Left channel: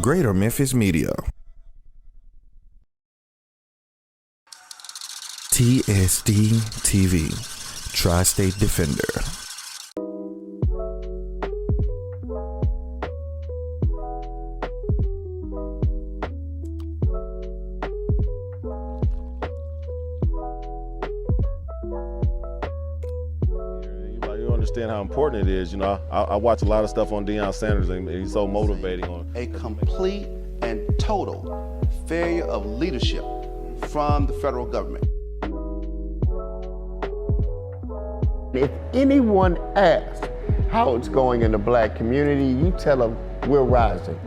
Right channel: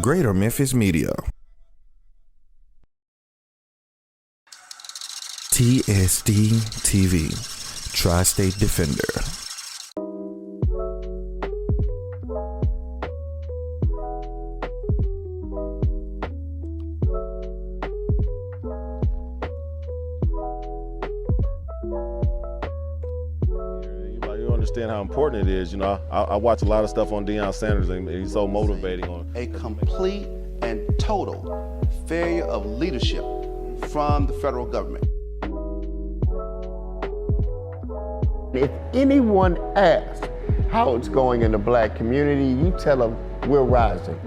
Greater Memphis Media. TSD TV, Tri-State Defender. You understand how important it is. You know, I watch a lot of stuff on Deion Sanders, and he's so motivating. A complete and total failure of leadership from the federal government. If anyone asks how it's going in the black community, you tell them we're rising.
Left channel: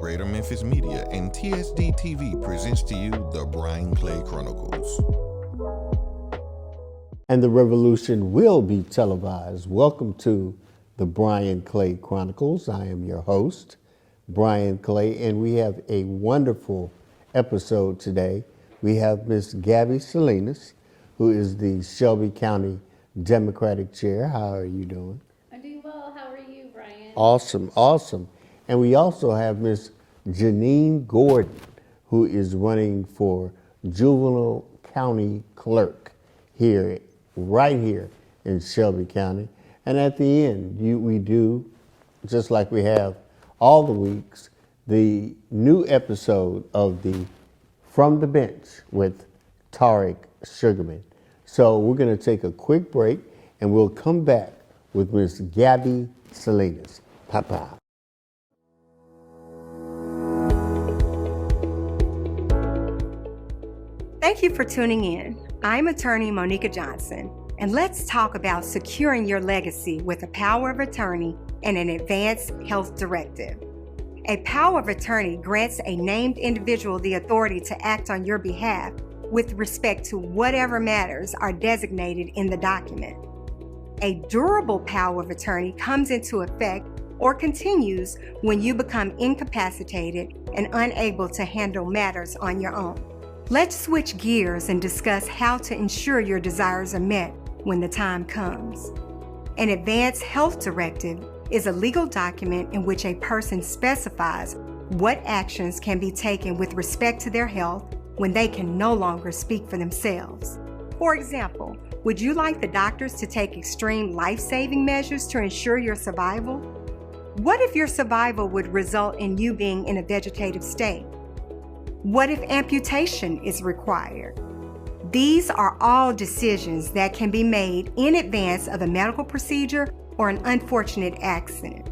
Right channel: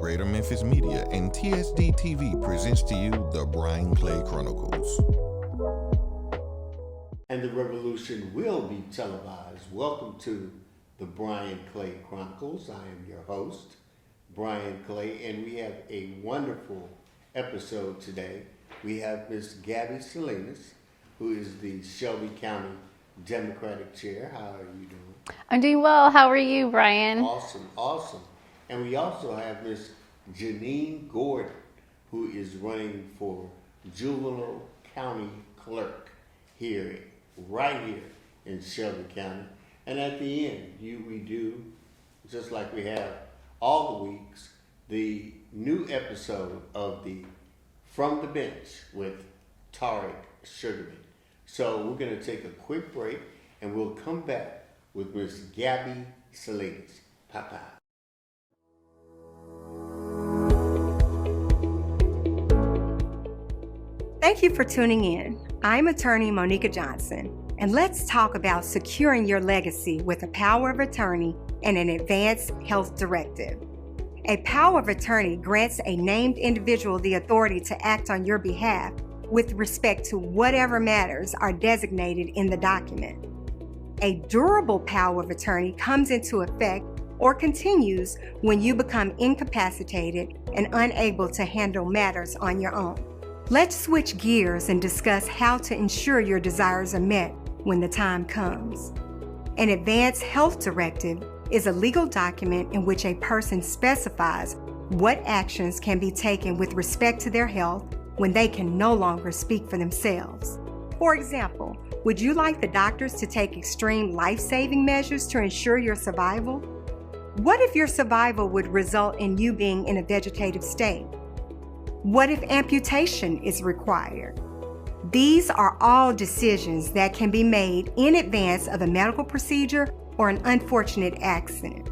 Greater Memphis Media and TSD TV presents to you the Brian Clay Chronicles. And the revolution will be televised. Welcome to the Brian Clay Chronicles. I am your host, Brian Clay, and we have a wonderful episode today. We have Miss Gabby Salinas, who is the Shelby County Democratic Chair. How are you doing? I'm doing well. How are you, Brian? Awesome, awesome. And we also have Miss Janine Gordon, who is running for Juvenile County Clerk right here in Shelby County. And at the end, we do, just like we have all the weeks, the new episode of the From the Bench with Tariq Sugarman. So we're going to take a quick break, and we'll come back with Miss Gabby Salinas. Papa. Thank you for tuning in. I'm attorney Monica Johnson, and let's talk about securing your legacy with a power of attorney and an advance health directive. A power of attorney grants a named individual the authority to act on your behalf with respect to whatever matters are designated in the document. A durable power of attorney comes into effect or continues when you become incapacitated and unable to handle matters on your own. Let's switch gears and discuss how to ensure your desires are met when the time comes. An advance health directive is a legal document in which a person specifies what actions can be taken with respect to their health when they can no longer speak for themselves. For example, would you like the doctors to take extreme life-saving measures to ensure your survival? What if your survival would result in you being in a vegetative state? What if amputation is required? These are all decisions that can be made in advance of a medical procedure or an unfortunate accident.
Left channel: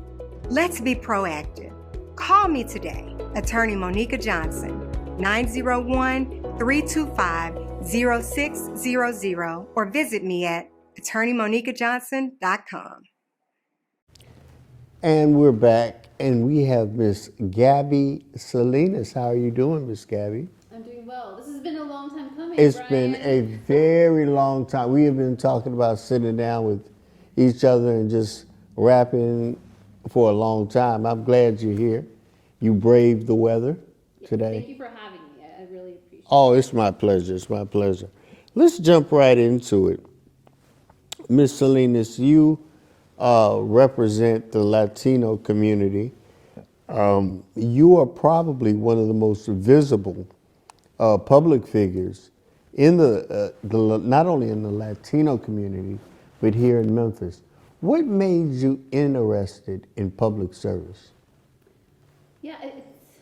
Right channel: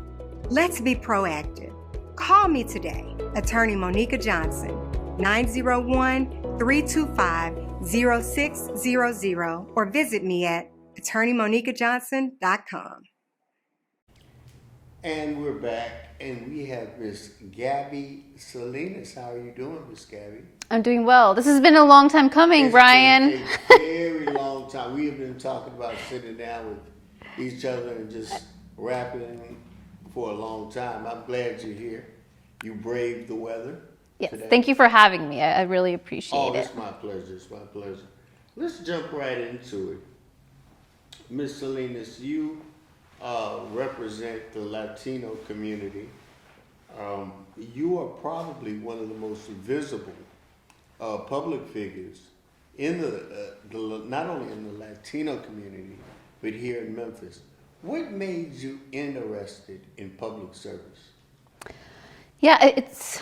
Let's be proactive. Call me today, Attorney Monica Johnson, 901-325-0600, or visit me at attorneymonicajohnson.com. And we're back, and we have Miss Gabby Salinas. How are you doing, Miss Gabby? I'm doing well. This has been a long time coming, Brian. It's been a very long time. We have been talking about sitting down with each other and just rapping for a long time. I'm glad you're here. You braved the weather today. Thank you for having me. I really appreciate it. Oh, it's my pleasure. It's my pleasure. Let's jump right into it. Miss Salinas, you represent the Latino community. You are probably one of the most visible public figures in the not only in the Latino community, but here in Memphis. What made you interested in public service? Yeah, it's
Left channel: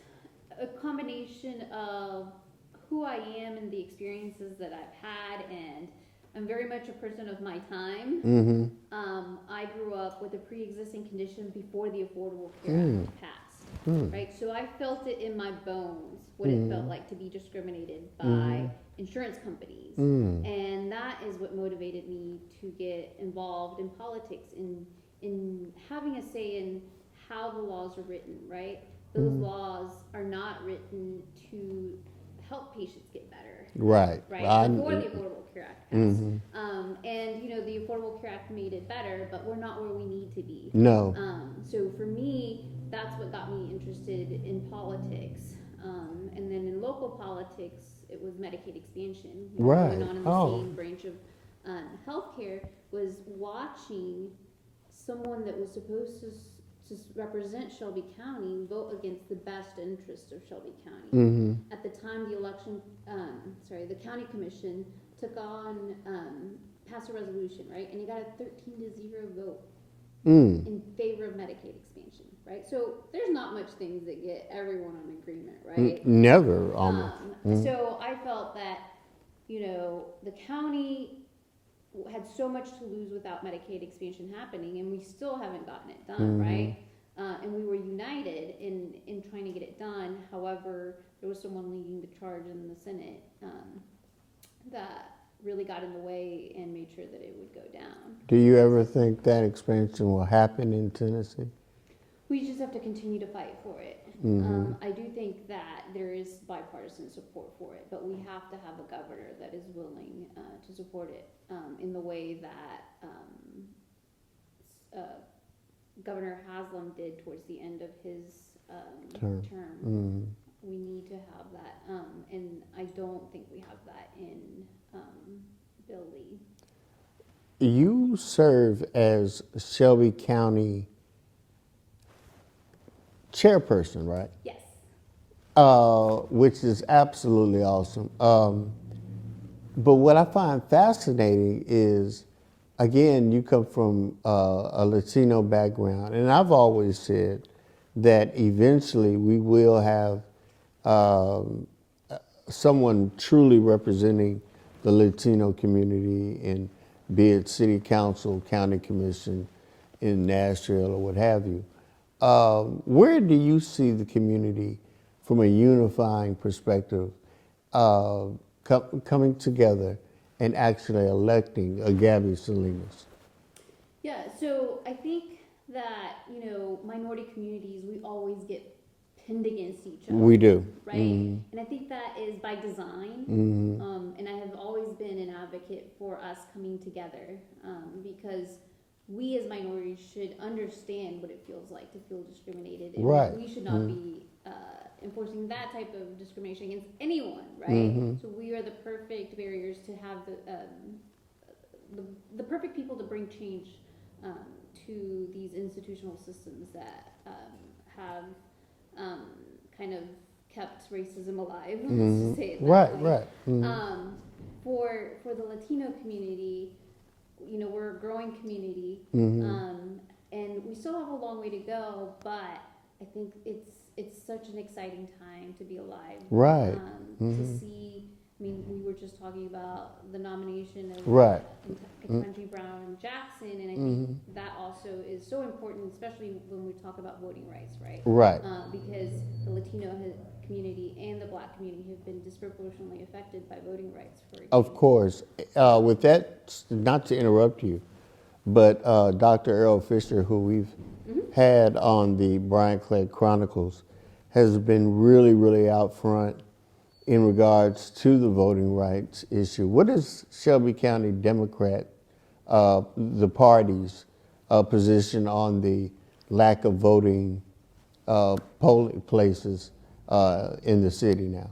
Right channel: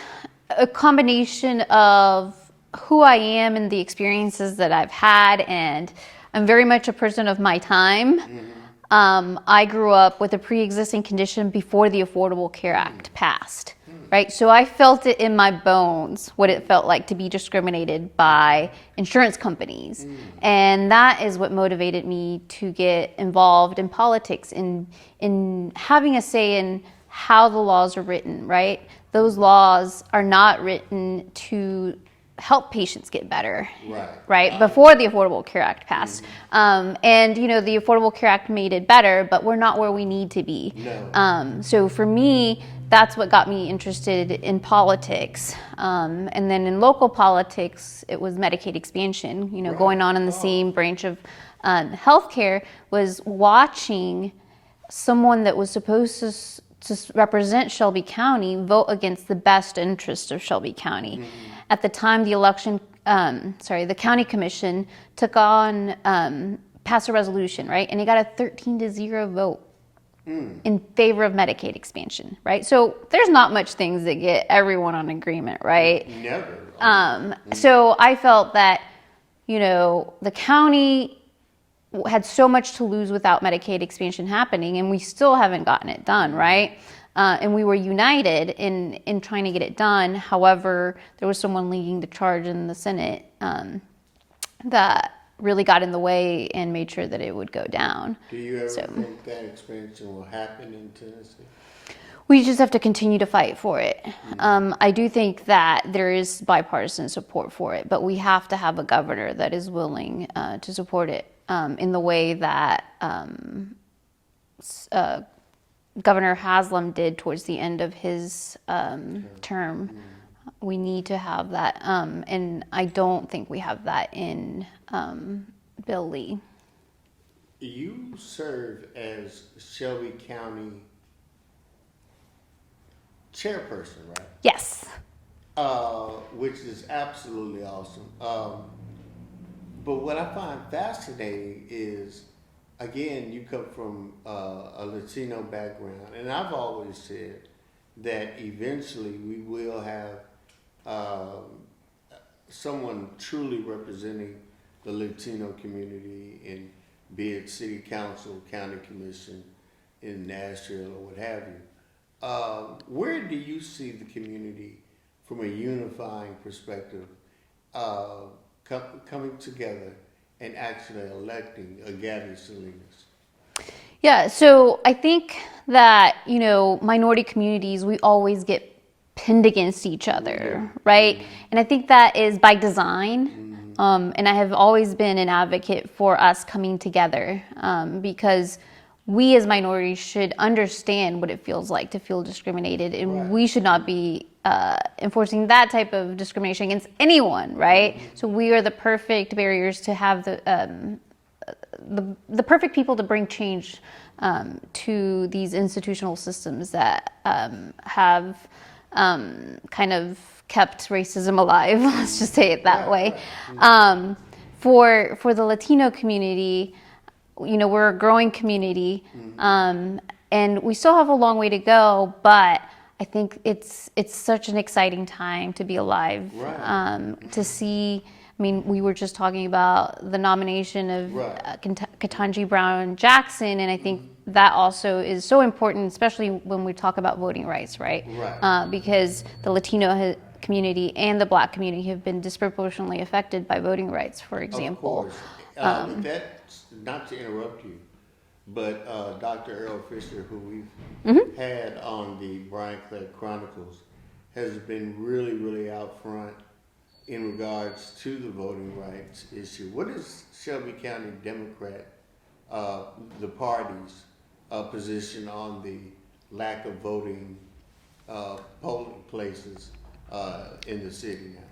a combination of who I am and the experiences that I've had, and I'm very much a person of my time. Mm-hmm. I grew up with a pre-existing condition before the Affordable Care Act passed, right? So I felt it in my bones, what it felt like to be discriminated by insurance companies. And that is what motivated me to get involved in politics, in having a say in how the laws are written, right? Those laws are not written to help patients get better. Right. Before the Affordable Care Act passed. And, you know, the Affordable Care Act made it better, but we're not where we need to be. No. So for me, that's what got me interested in politics. And then in local politics, it was Medicaid expansion, you know, going on in the same branch of healthcare, was watching someone that was supposed to represent Shelby County vote against the best interest of Shelby County. At the time, the county commission took on, passed a resolution, right? And it got a 13-0 vote in favor of Medicaid expansion, right? So there's not much things that get everyone on agreement, right? Never. So I felt that, the county had so much to lose without Medicaid expansion happening, and we still haven't gotten it done, right? And we were united in trying to get it done. However, there was someone leading the charge in the Senate that really got in the way and made sure that it would go down. Do you ever think that expansion will happen in Tennessee? We just have to continue to fight for it. I do think that there is bipartisan support for it, but we have to have a governor that is willing to support it in the way that Governor Haslam did towards the end of his term. We need to have that, and I don't think we have that in Bill Lee. You serve as Shelby County chairperson, right? Yes. Which is absolutely awesome. But what I find fascinating is, again, you come from a Latino background, and I've always said that eventually we will have someone truly representing the Latino community in, be it city council, county commission in Nashville or what have you. Where do you see the community from a unifying perspective coming together and actually electing a Gabby Salinas? Yeah, so I think that, minority communities, we always get pinned against each other, We do. right? And I think that is by design. And I have always been an advocate for us coming together because we as minorities should understand what it feels like to feel discriminated, and Right. we should not be enforcing that type of discrimination against anyone, right? So we are the perfect barriers to have the perfect people to bring change to these institutional systems that have kind of kept racism alive. Let's just say it that way. Right. For the Latino community, we're a growing community, and we still have a long way to go, but I think it's such an exciting time to be alive. Right. To see, we were just talking about the nomination of Ketanji Brown Jackson, and I think that also is so important, especially when we talk about voting rights, right? Right. Because the Latino community and the Black community have been disproportionately affected by voting rights, for example. Of course. With that, not to interrupt you, but Dr. Earl Fisher, who we've had on the Brian Clay Chronicles, has been really, really out front in regards to the voting rights issue. What is Shelby County Democrat, the party's position on the lack of voting polling places in the city now?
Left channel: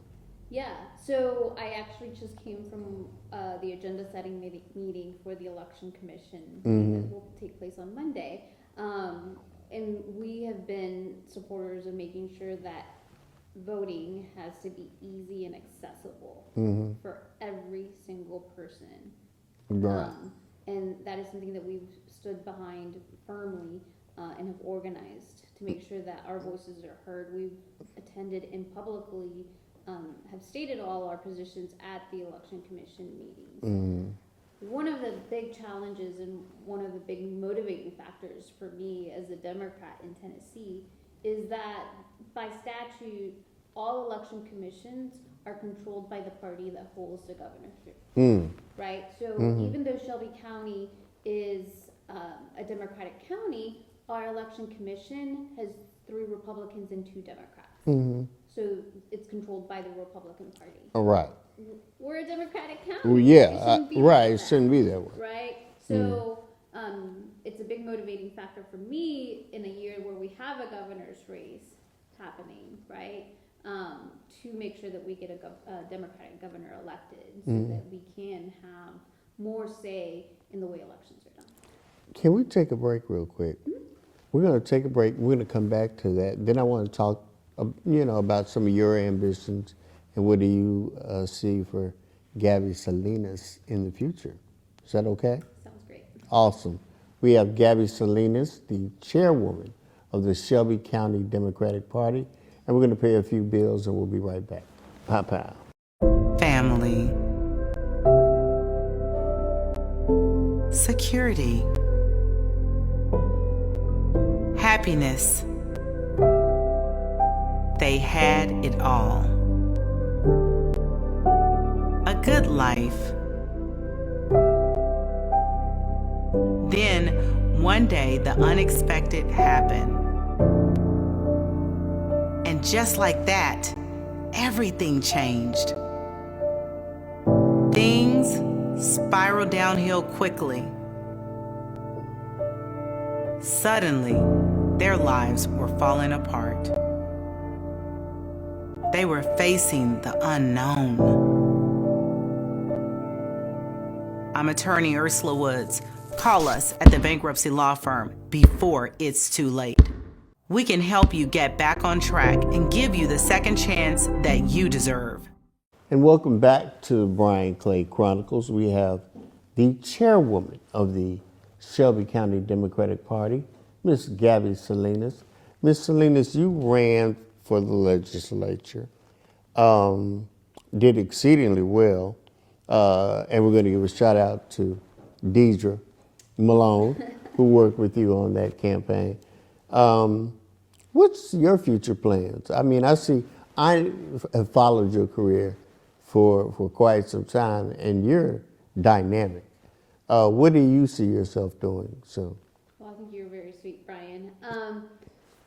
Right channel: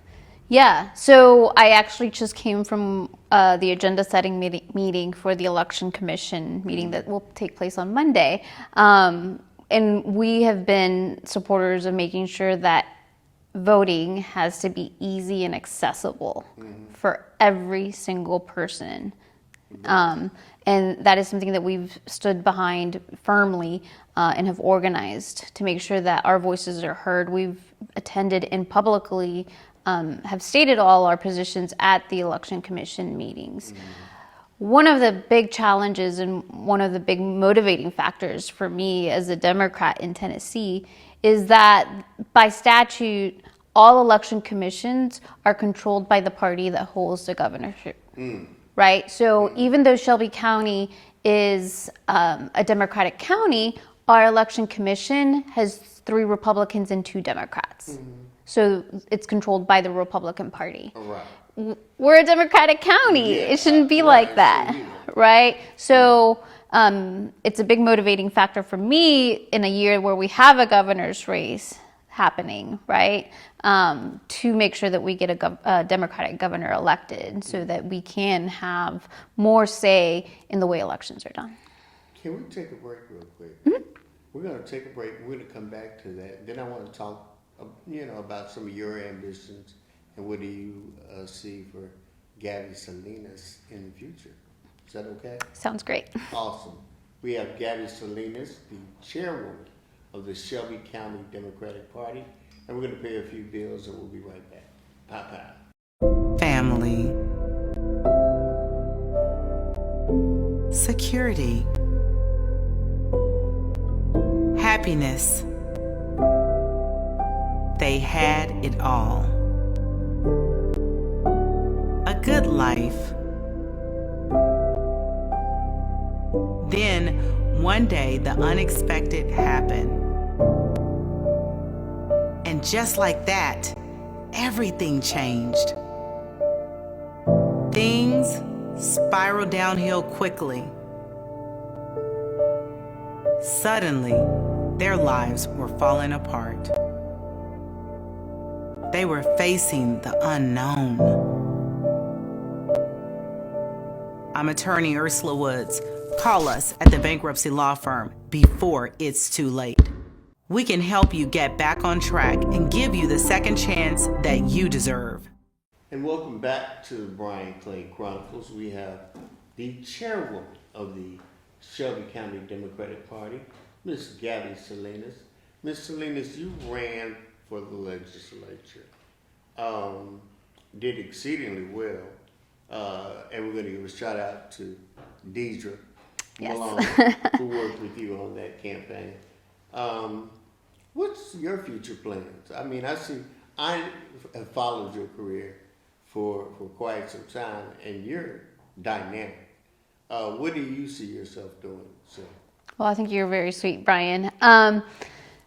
Yeah, so I actually just came from the agenda setting meeting for the Election Commission meeting that will take place on Monday. And we have been supporters of making sure that voting has to be easy and accessible for every single person. And that is something that we've stood behind firmly and have organized to make sure that our voices are heard. We've attended and publicly have stated all our positions at the Election Commission meetings. One of the big challenges and one of the big motivating factors for me as a Democrat in Tennessee is that by statute, all election commissions are controlled by the party that holds the governorship, right? So even though Shelby County is a Democratic county, our election commission has 3 Republicans and 2 Democrats. So it's controlled by the Republican Party. All right. We're a Democratic county. Yeah, It shouldn't be right, like it that, shouldn't be like that. right? So it's a big motivating factor for me in a year where we have a governor's race happening, right? To make sure that we get a Democratic governor elected so that we can have more say in the way elections are done. Can we take a break real quick? We're going to take a break. We're going to come back to that. Then I want to talk, about some of your ambitions and what do you see for Gabby Salinas in the future. Is that okay? Sounds great. Awesome. We have Gabby Salinas, the chairwoman of the Shelby County Democratic Party, and we're going to pay a few bills and we'll be right back. Pow pow. Family. Security. Happiness. They had it all. A good life. Then, one day, the unexpected happened. And just like that, everything changed. Things spiraled downhill quickly. Suddenly, their lives were falling apart. They were facing the unknown. I'm attorney Ursula Woods. Call us at the bankruptcy law firm before it's too late. We can help you get back on track and give you the second chance that you deserve. And welcome back to Brian Clay Chronicles. We have the chairwoman of the Shelby County Democratic Party, Miss Gabby Salinas. Miss Salinas, you ran for the legislature, did exceedingly well, and we're going to give a shout out to Deidre Malone, who worked with you on that campaign. What's your future plans? I mean, I have followed your career for quite some time, and you're dynamic. What do you see yourself doing soon? Well, I think you're very sweet, Brian.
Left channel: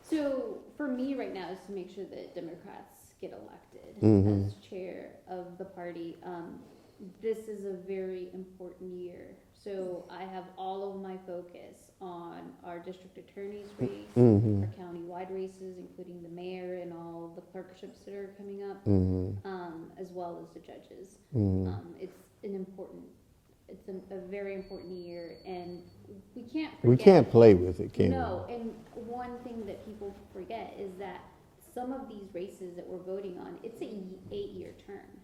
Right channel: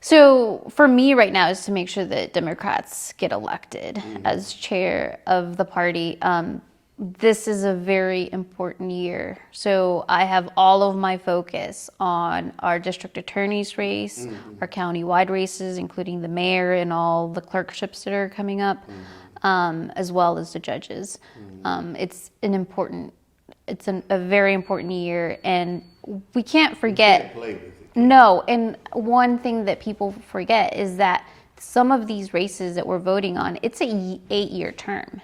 So for me right now is to make sure that Democrats get elected as chair of the party. This is a very important year. So I have all of my focus on our district attorney's race, our county-wide races, including the mayor and all the clerkships that are coming up, as well as the judges. It's a very important year, and we can't forget. You can't play with it. No, and one thing that people forget is that some of these races that we're voting on, it's a 8-year term.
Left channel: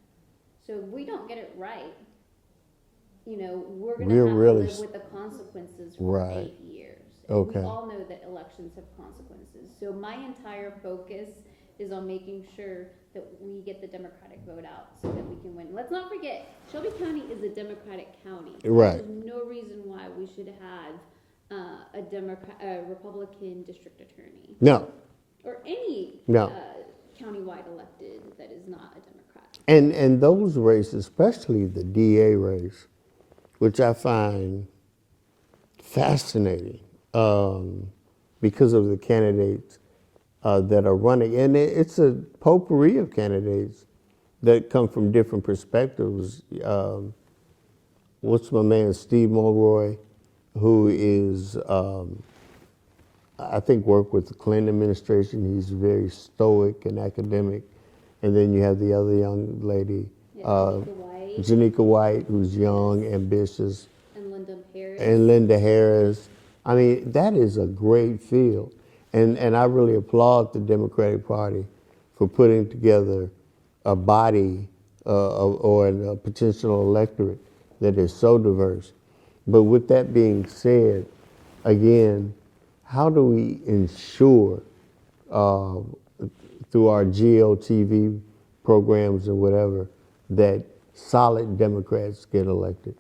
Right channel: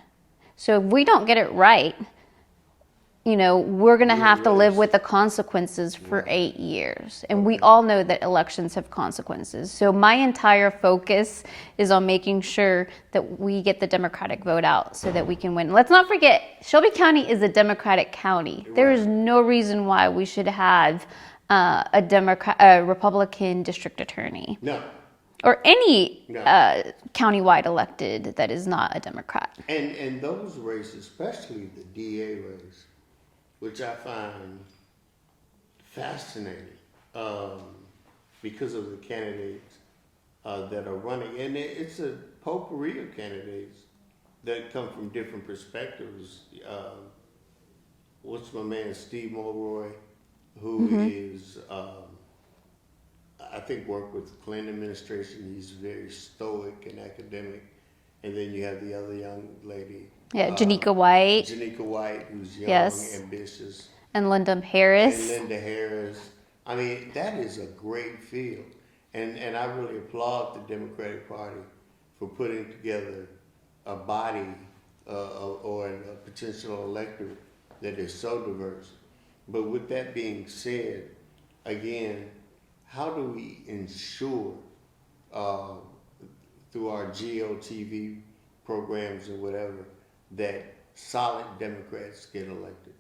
So if we don't get it right, we're going to have to live with the consequences for 8 years. And we all know that elections have consequences. So my entire focus is on making sure that we get the Democratic vote out so that we can win. Let's not forget, Shelby County is a Democratic county. Right. There is no reason why we should have a Republican district attorney. No. Or any countywide elected that is not a Democrat. And those races, especially the DA race, which I find fascinating because of the candidates that are running. And it's a potpourri of candidates that come from different perspectives. What's my man, Steve Mulroy, who is... I think worked with the Clinton administration. He's very stoic and academic. And then you have the other young lady. Yeah, Janika White. Janika White, who's young, ambitious. And Linda Harris. I mean, that is a great field. And I really applaud the Democratic Party for putting together a body or a potential electorate that is so diverse. But with that being said, again, how do we ensure through our GLTV programs or whatever that solid Democrats get elected?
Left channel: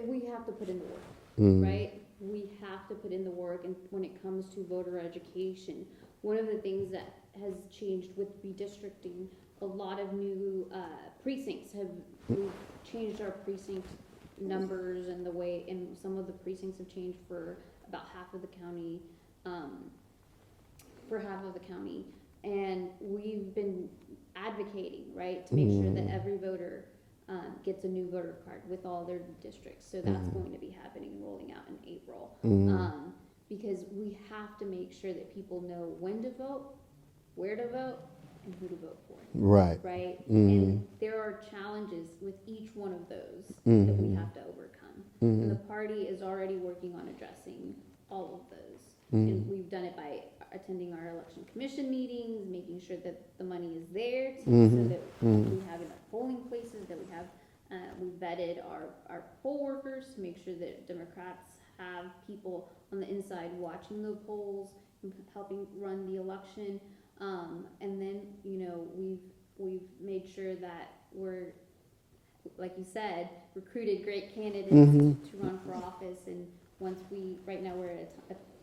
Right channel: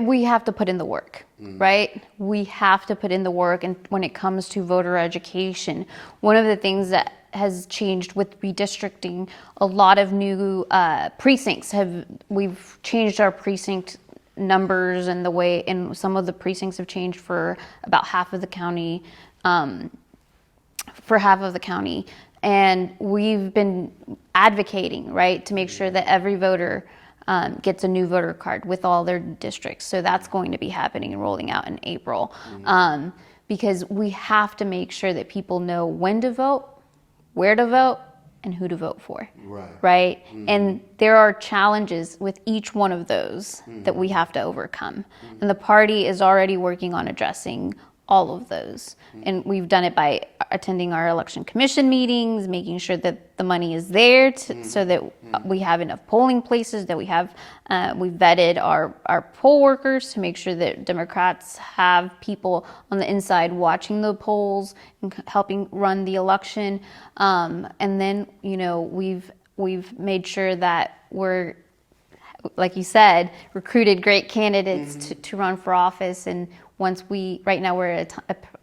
We have to put in the work, right? We have to put in the work. And when it comes to voter education, one of the things that has changed with redistricting, a lot of new precincts we've changed our precinct numbers and some of the precincts have changed for about half of the county, and we've been advocating, right, to make sure that every voter gets a new voter card with all their districts. So that's going to be happening and rolling out in April, because we have to make sure that people know when to vote, where to vote, and who to vote for. Right? And there are challenges with each one of those that we have to overcome. And the party is already working on addressing all of those. And we've done it by attending our election commission meetings, making sure that the money is there so that we have enough polling places, that we have, we've vetted our poll workers to make sure that Democrats have people on the inside watching the polls and helping run the election. And then, you know, we've made sure that we're, like you said, recruited great candidates to run for office. And once right now we're at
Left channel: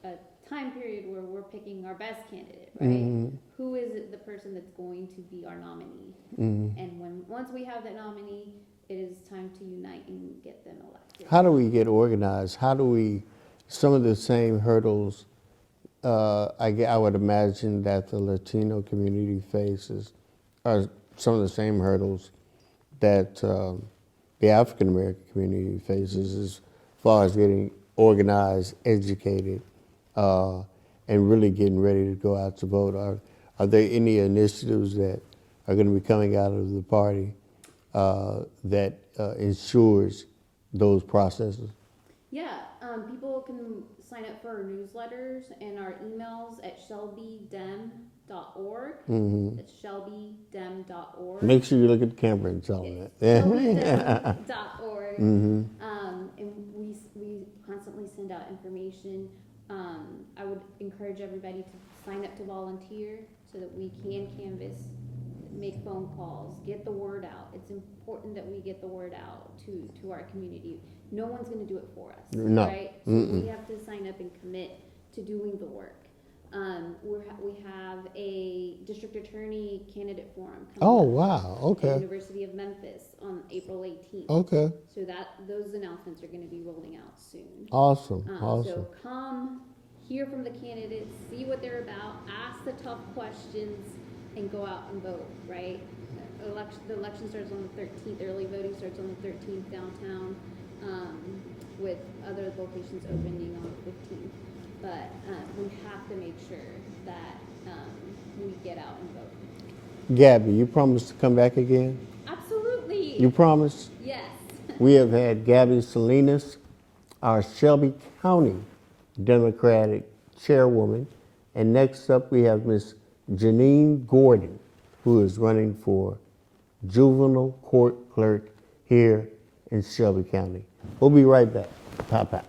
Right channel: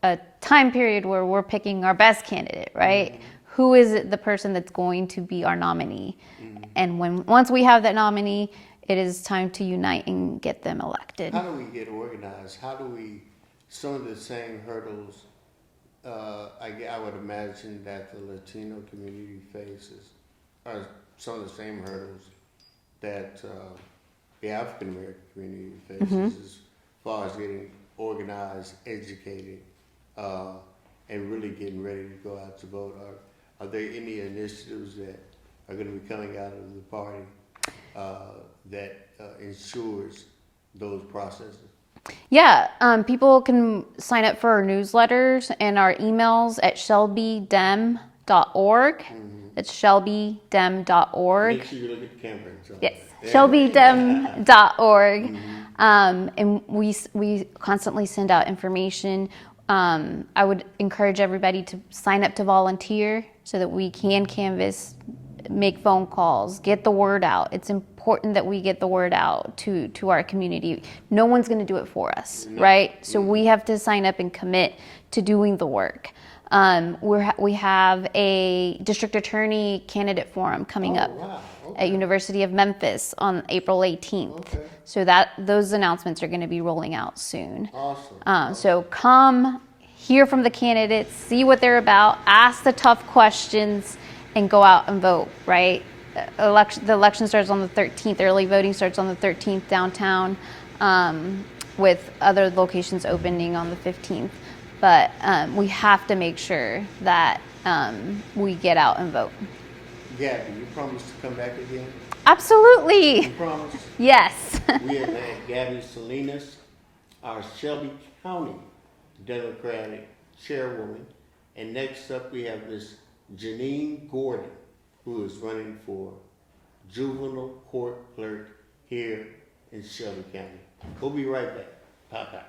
a time period where we're picking our best candidate, right? Who is the person that's going to be our nominee? And once we have that nominee, it is time to unite and get them elected. How do we get organized? How do we, some of the same hurdles, I would imagine that the Latino community faces are some of the same hurdles that the African American community faces as far as getting organized, educated, and really getting ready to go out to vote. Are there any initiatives that are going to be coming out of the party that ensures those processes? Yeah, people can sign up for our newsletters and our emails at shelbydem.org. It's shelbydem.org. Make sure you look at the camera and tell them that. shelbydem.org. And we constantly send out information. I would encourage everybody to sign up to volunteer so that we can canvass, make phone calls, get the word out. It's important that we get the word out to our community. No one's going to do it for us, right? So we have to sign up and commit to doing the work. We have a district attorney candidate forum coming up at University of Memphis on April 18th. So those announcements are going to be rolling out soon. Awesome. So come hear from the candidates, see what they're about, ask the tough questions, and go out and vote, right? The election starts on the 13th. Early voting starts on the 13th downtown, with other locations opening on the 15th. But we have to make sure that we get out and vote. Gabby, you promise to come back again? Absolutely. You promise? Yes. We have had Gabby Salinas, our Shelby County Democratic chairwoman. And next up we have Miss Janine Gordon, who is running for juvenile court clerk here in Shelby County. We'll be right back. Pop, pop.